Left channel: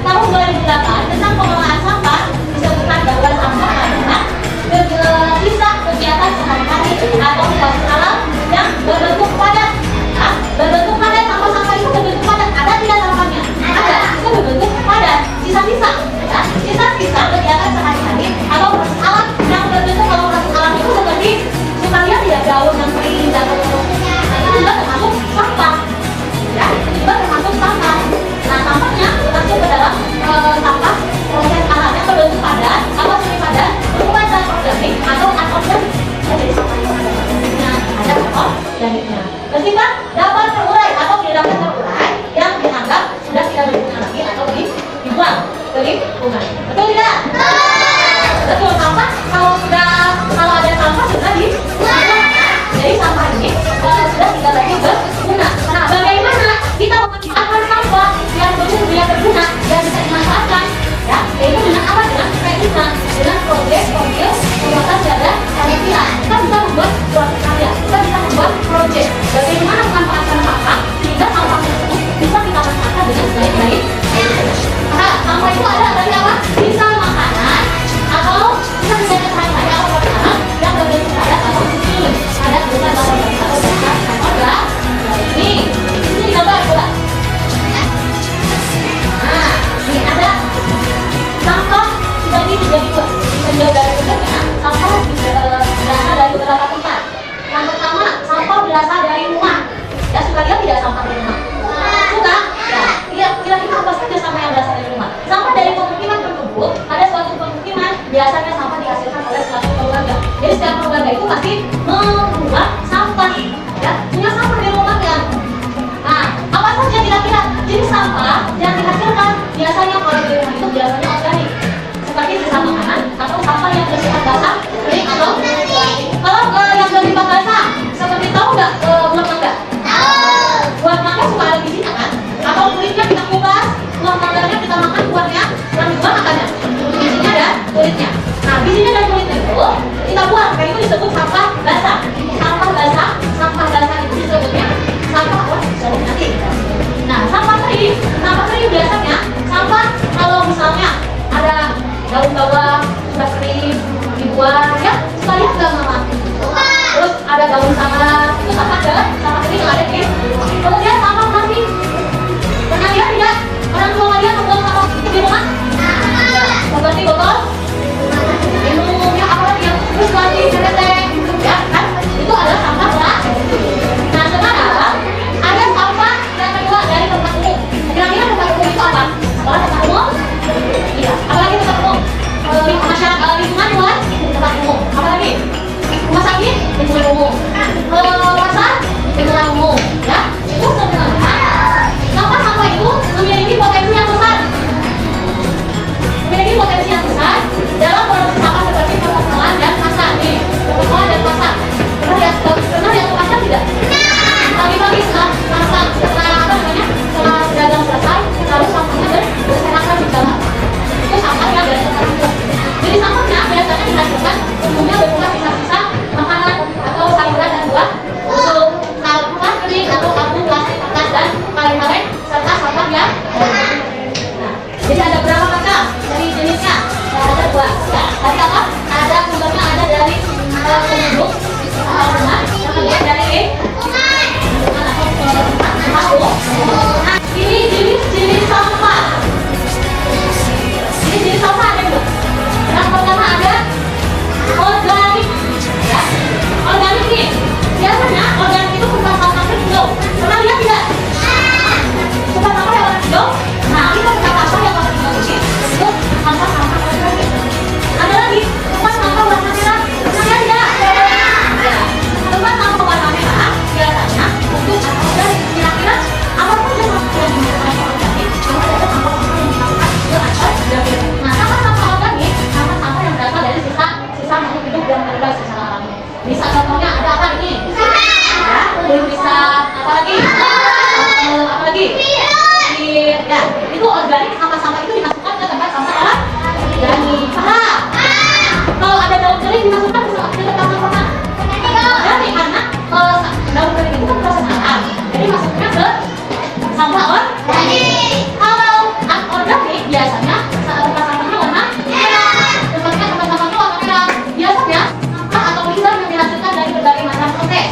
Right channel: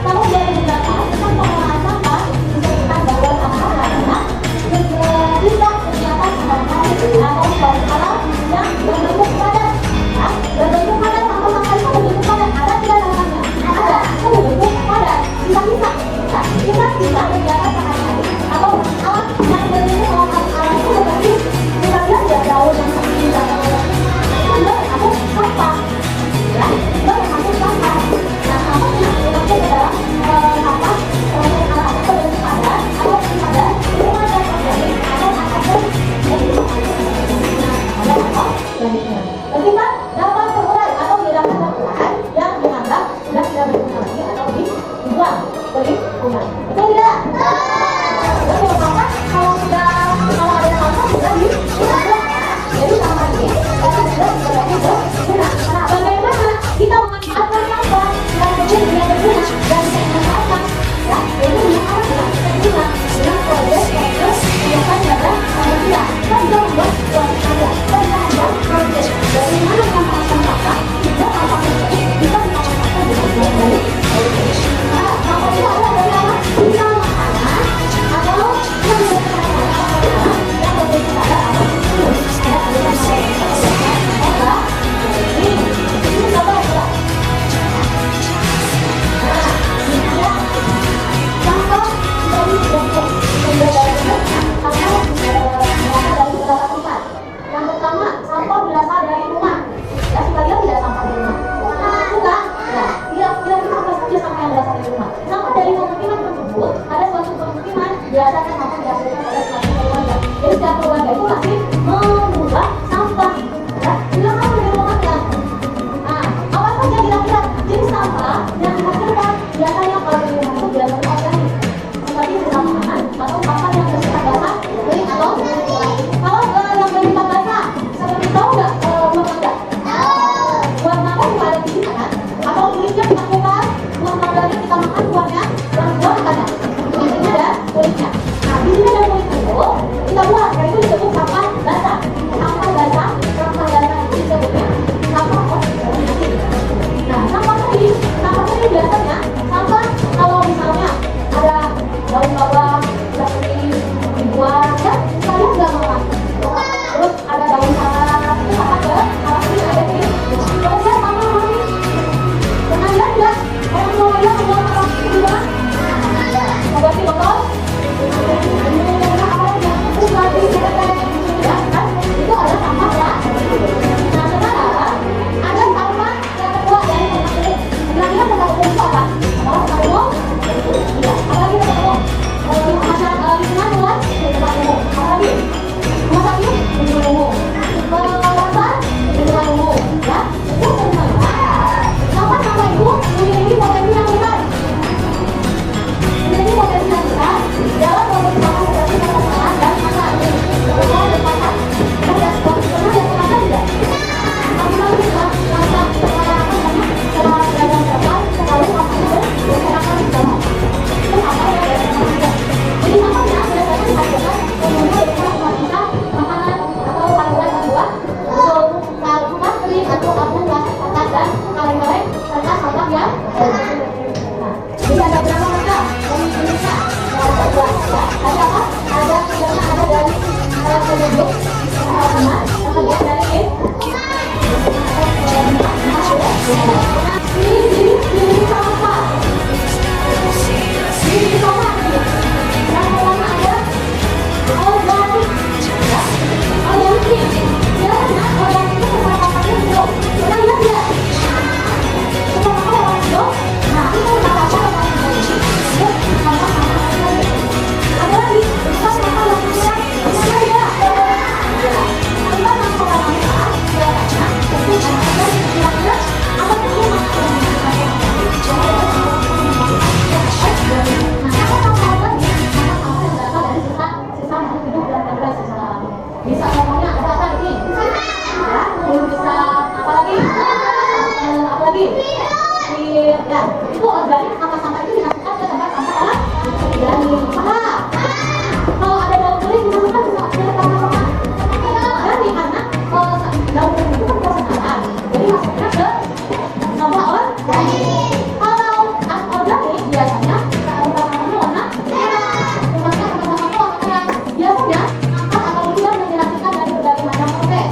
tahun 2008 tentang pengelolaan sampah disebutkan bahwa sampah adalah disebut sampah basah. Sampah basah itu disebutnya sampah organik. Nah, sampah kering biasanya sampah kalau misalnya ada daun bawang sudah kering dibuang ya, sekalian nggak mama. Terus ada daun salam itu sampah kering ada di. Kemudian sampah plastik. Pernah lihat tidak? Orang tua lihat membawa sampah plastik di mana? Seperti botol minum ya, apa lagi ya? Terus ganti seteteh ya kan? Itu adalah sampah plastik. Nah sekarang ada sampah yang kedua dari tempat umum. Kira-kira tempat umum itu apa? Sekolah tempat umum? Iya. Apalagi tempat umum? Masyarakat lingkungan luar tempat umum. Apalagi? Rumah sakit lingkungan umum. Pasar lingkungan umum. Ya itu semua. Sampah-sampah itu memiliki potensi yang besar. Memiliki potensi yang besar dalam produksi sampah seperti sampah pengolahan dan pasar. Nih, pengolahan dan pasar. Pernah lihat pasar tidak? Pagi-pagi setelah dagang selesai, lalu sampahnya berserakan di jalan. Itu sampah yang dari tempat umum. Jadi sampahnya biasanya dihasilkan umumnya berupa sisa-sisa makanan atau sayuran dan buah, untuk sampah kering atau karbon plastik kertas dan kaleng-kaleng serta sampah yang nah, jadi ada berapa macam dari jenisnya? Ada dua. Ya, tadi apa? Ada sumbernya ada dari penduduk, benar, kemudian dari nah, ini jenis sampah. Jenis sampah ada dua. Yang pertama ada organik. Ya, organik nih. Biasanya organik itu bukan sampah hijau. Pernah lihat tidak? Bukan sampah yang warna hijau. Nah, kita bukan sampah yang warna hijau. Itu sampah-sampah lagi. Ada lagi sampah warna merah. Pernah lihat tidak? Bukan sampah warna merah. Biasanya untuk kira-kira apapun yang masuk ke dalam organik. Nah, sampah-sampah organik, sampah-sampah yang berasal dari sisa makhluk hidup yang terbaik secara alami. Bisa contohnya ada apa ini? Ya, belum bisa apa lagi? Apa lagi? Ya, itu organik, sampah-sampah itu dimasukkan ke tempat sampah organik. Nah, kalau ada daun kering dimasukkan ke tempat sampah organik karena daun kering itu kan proses alam. Jadi masuknya ke sampah organik. Kalau organik biasanya tempat sampahnya warna merah. Tempatnya tempat sampahnya warna merah. Biasanya atau limbah yang dihasilkan dari berbagai macam proses.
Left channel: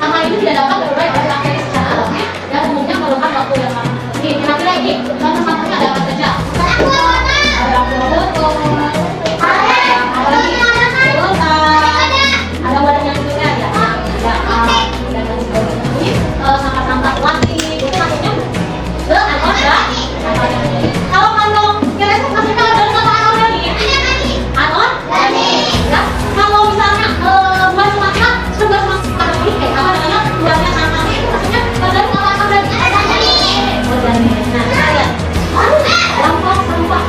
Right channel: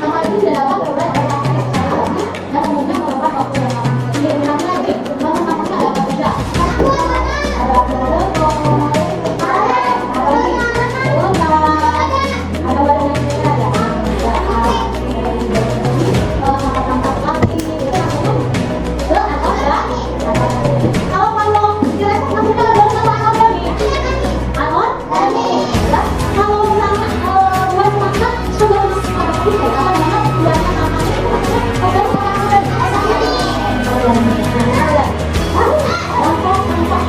Sampah ini tidak dapat berubah oleh bakteri secara alami dan umumnya memerlukan waktu yang lama. Ini kira-kira ini sampah-sampahnya ada apa saja? Ada botol, ada lagi ada wadah yang keren ya, sampah-sampah plastik itu masuknya ke organik. Kalau kantong kira-kira masuknya ke sampah organik. Organik. Ya, kalau misalnya buah-buahnya sudah masuk ke organik, ya apa namanya? Buahnya sama itu maksudnya ke dalam sampah organik. Nah, lihat. Dampak sampah.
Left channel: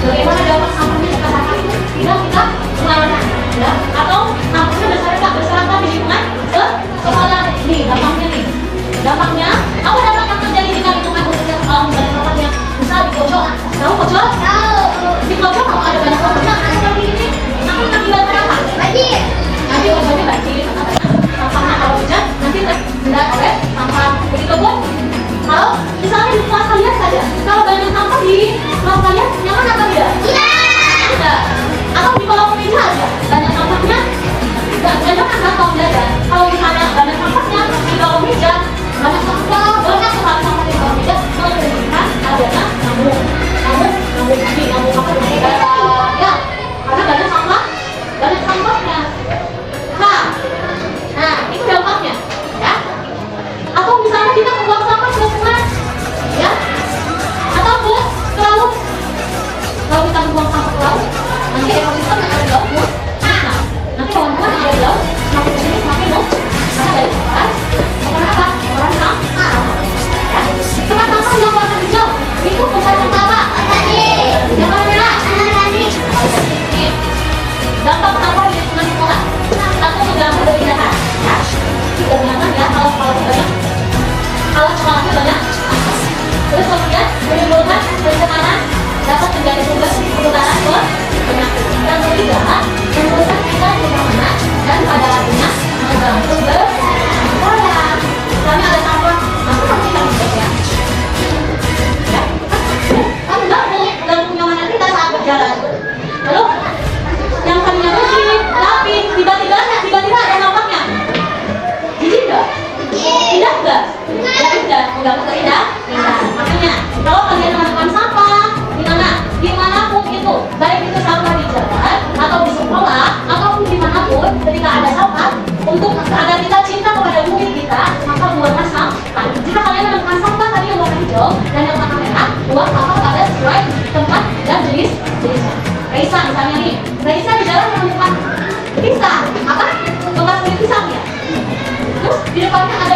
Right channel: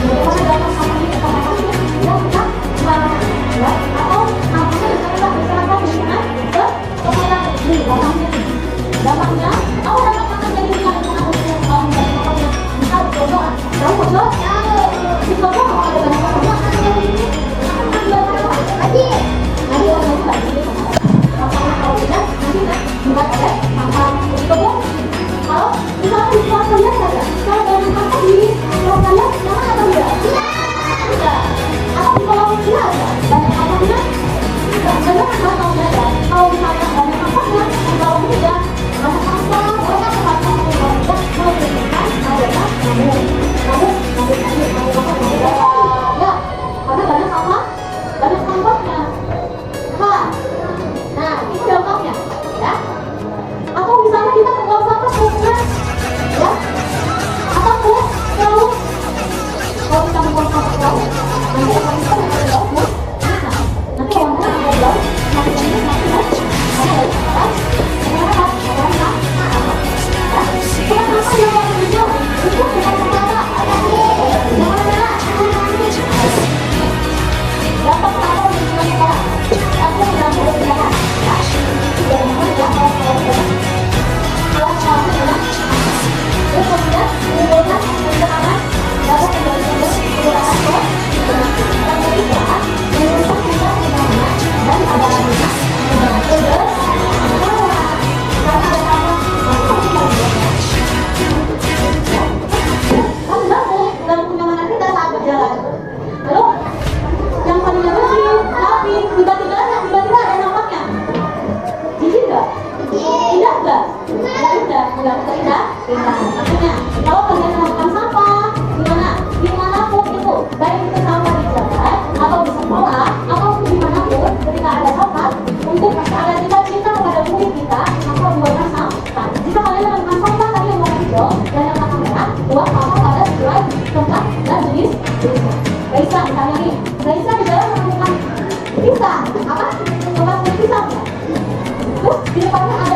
Bagaimana dampak sampah ini ke sampah itu? Tinggal kita mengarahkan, ya, atau nampaknya masyarakat berserakan di lingkungan ke kepala nih, dampaknya nih. Dampaknya, apa dampak akan terjadi jika lingkungan khususnya mau dari sampahnya? Misal di pojok, tahu pojok? Di pojok kalau ada banyak sampahnya, ada seperti ini, akan mengakibatkan apa? Banjir. Nanti pojoknya banjir, sampahnya kalau hujan nanti terendam oleh sampah di pojok. Kalau misalnya di kelas kalian saja, kalau banyak sampah di kelas kalian, nyaman apa tidak? Tidak. Atau di kolom meja ada banyak sampahnya? Tidak. Nyaman kan kalau belajar? Kalau misalnya banyak sampahnya di kolom meja, banyak sampah, banyak sekali sampah di kolom meja, menunjukkan adanya nyamuk ya, karena banyak sampahnya. Nah, itu dampaknya, ya. Atau misalnya kita membuang sampah ke sungai, ya, atau ke laut. Kalau kita membuang sampah ke laut, nanti ekosistem yang ada di laut musnah. Nanti hewan-hewan yang ada di laut semakin banyak, semakin karena dari kotoran, apa? Kotoran sampah. Ya, kotoran sampah yang warna hijau itu kotoran apa? Yang warna merah. Dampak sampah di lingkungan sekolah. Satu tidak ada perbedaan, ya. Dan namanya kalau banyak. Kalau sekolahnya banyak, terus kemudian menimbulkan pencemaran dapat menjadi sumber penularan ke. Yang ketiga, merusak lingkungan pembangunan kita apa? Tempat beli pisang ya. Terus di depannya